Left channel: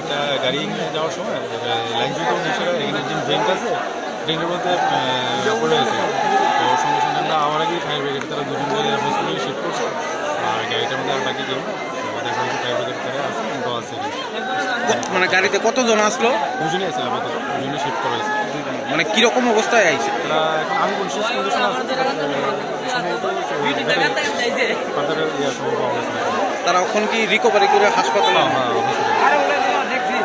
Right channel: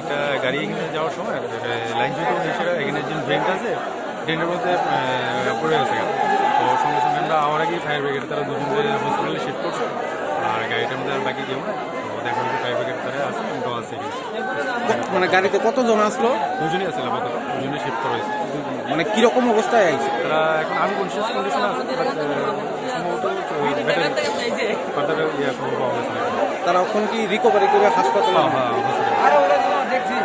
একটা গাড়ি এখানে যাওয়ার সময় লাইন জুতো এসে এখানে যে ড্রেনটা আছে ড্রেনের মধ্যে পড়ে গেছে। তো সঙ্গে সঙ্গে আমরা আমার আগেই ফায়ার ব্রিগেড তারা দুজনকে হসপিটালে শিফট করছে, আর গাড়িটার মধ্যে আর বাকি কেউ না। তো দেখা হচ্ছে ফায়ার ব্রিগেড তারা আছে, আমরাও আছে। মানে গাড়িতে কতজন আসলো? দুজনই আছে, আপাতত দুজনই শিফট করা হয়েছে। মানে কিরকম অবস্থায় আইছে তারা? এখন আনকনসিয়াস কন্ডিশনে আছে, সম্ভবত খবর পাওয়া গেছে না। তারা এখন কি রিকভারি করে হাসপাতালে? হ্যাঁ, দেখছি।